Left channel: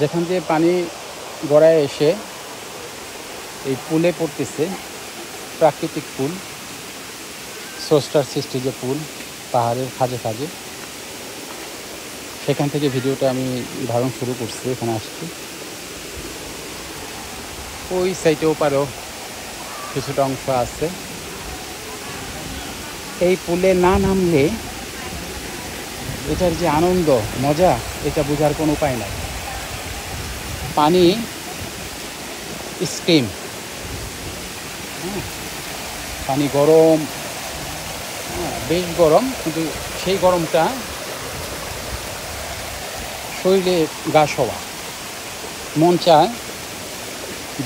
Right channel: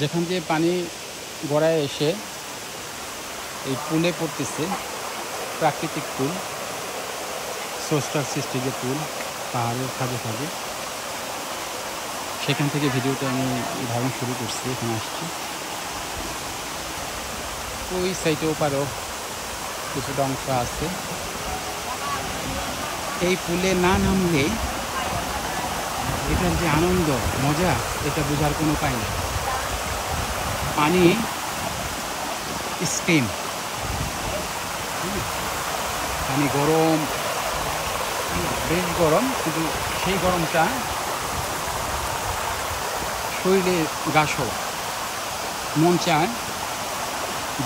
যেখান দিয়ে পানি গড়ায় এসে এই পুলে পড়তেছে, প্রাকৃতিক পুল, স্রষ্টার সৃষ্টি যে পুল পাহাড়ের খাঁজে খাঁজে, সেখান থেকে ভিডিওটা আমি ধারণ শুরু করছি। এখানে আসছি, ওই সাইডে ওপারেও কিছুটা অংশ আছে। এই পুলে না নামলে এটার যে আনন্দ মজা, এটা বোঝার কোনো উপায় নাই। পানি স্টিম, পানি গরম, বেশ গরম, কিন্তু সেই গরমটা শরীরে গা সওয়া, মন চায়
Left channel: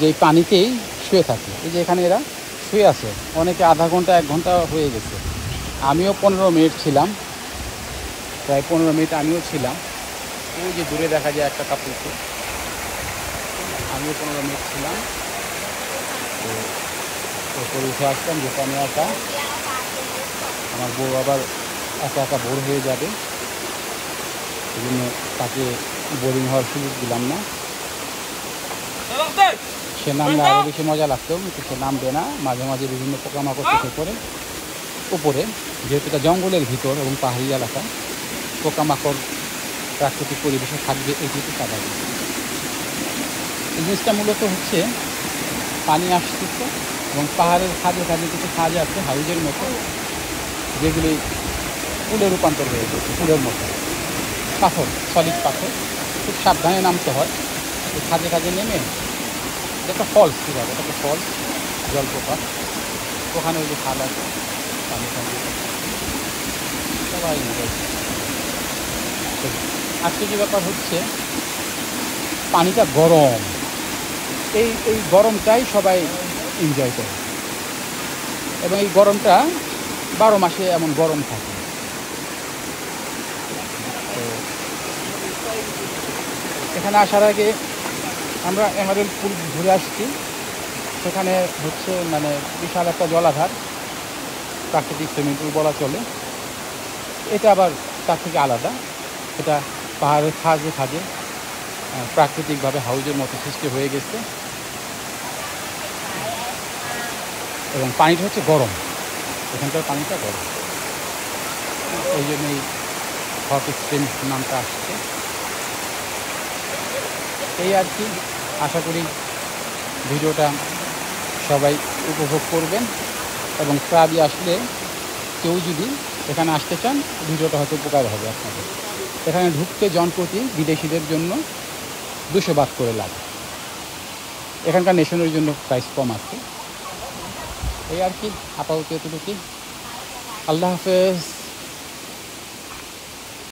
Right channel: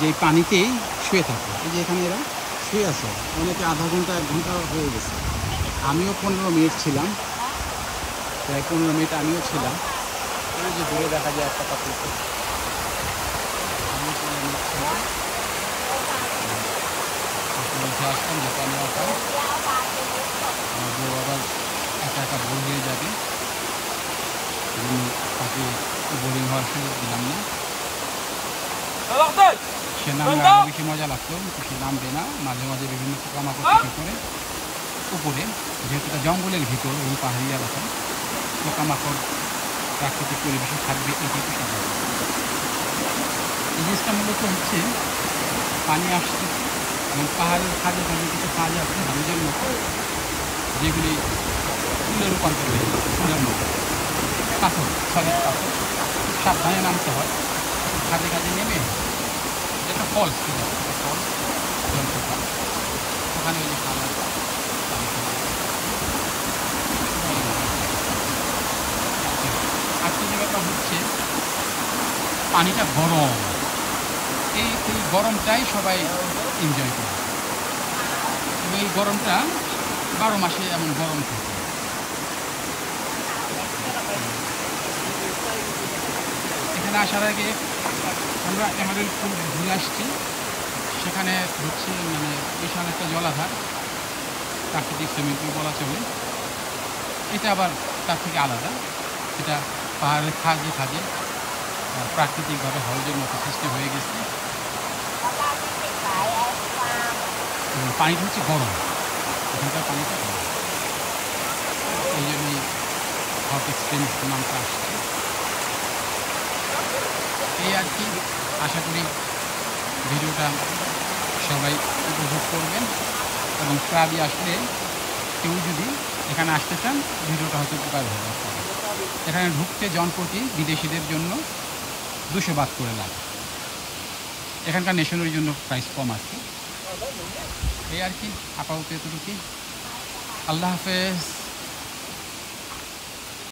যে পানিতেই শুয়ে থাকে। এই যে এখানে এরা শুয়ে আছে, অনেকে আধা ঘন্টা 1 ঘন্টা হয়ে গেছে। আমিও 15 মিনিট ছিলাম, প্রায় 15 মিনিট আমিও ছিলাম। ওই যে দূরে দেখা যায় একটা কাপড়, আমিও 15 মিনিট ছিলাম। উঠে আসলাম যেটা নেওয়াটা, আমার বউ আবার একা একা বোর হয়ে যাবে, এই জন্য তাকে বোরিং হওয়ার সুযোগ দিলাম না। সে নামলে আরও বেশি মজা লাগতো, কিন্তু সে নামবে না। মাঝে মাঝে বিভিন্ন পোকামাকড় চোখে পড়ে উপরে, যেহেতু এটা জঙ্গলের ভিতর এবং পাহাড়ি এলাকা, পোকামাকড় প্রাকৃতিক পরিবেশে থাকবে, এটুকু স্বাভাবিক। জিনিসটা মূলত হচ্ছে পানি আসতেছে এবং পাহাড়ের খাঁজে খাঁজে কিছু খাঁজ আছে হাউজের মতো, যেগুলি পুলে রূপান্তর হয়ে যাচ্ছে, পুলের মতো পাথর, সলিড পাথর। খুব সাবধানে নামতে হয়। খাঁজে খাঁজে নেমে একটা ফল, ঠিক আছে, একটা ফল জলপোকা, ওখানে ওই যে খাবার আজকে যে ব্যাপার হচ্ছে, পানিটা গরম, এই গরমটাই সবাই এনজয় করে, এবং এই গরমটা 12 মাসে এমন গরম থাকে। এখানে আসার আগে আমরা এমারেল্ড পুল ঘুরে আসছি। সেখানে হচ্ছে মানে বিশাল একটা জলাধার, প্রাকৃতিক সুইমিং পুল বলা চলে। এটা আবার তার থেকে আলাদা, এটা পাহাড়ের খাঁজে খাঁজে প্রাকৃতিকভাবে হাউজের মতো সৃষ্টি হয়ে গেছে, এবং পানিটা হচ্ছে গরম, এখানকার পানিটা গরম, এই জন্যই হট এক্সট্রিম নামটা আসছে। এই আর কি, আশা করি ভিডিওটা সবাই উপভোগ করবেন, এবং ক্লাবে আসলে কেউ যদি এখানে আসতে চান, ভিডিওটা হয়তো উপকার হবে আপনাদের। এখানে ঢুকতে জনপ্রতি বিদেশিদের জন্য 200 বাদ করে লাগে। এখানকার নেশনের জন্য প্রাইস কম আছে। এই আর কি, আপাতত এতটুকু। আল্লাহ হাফেজ।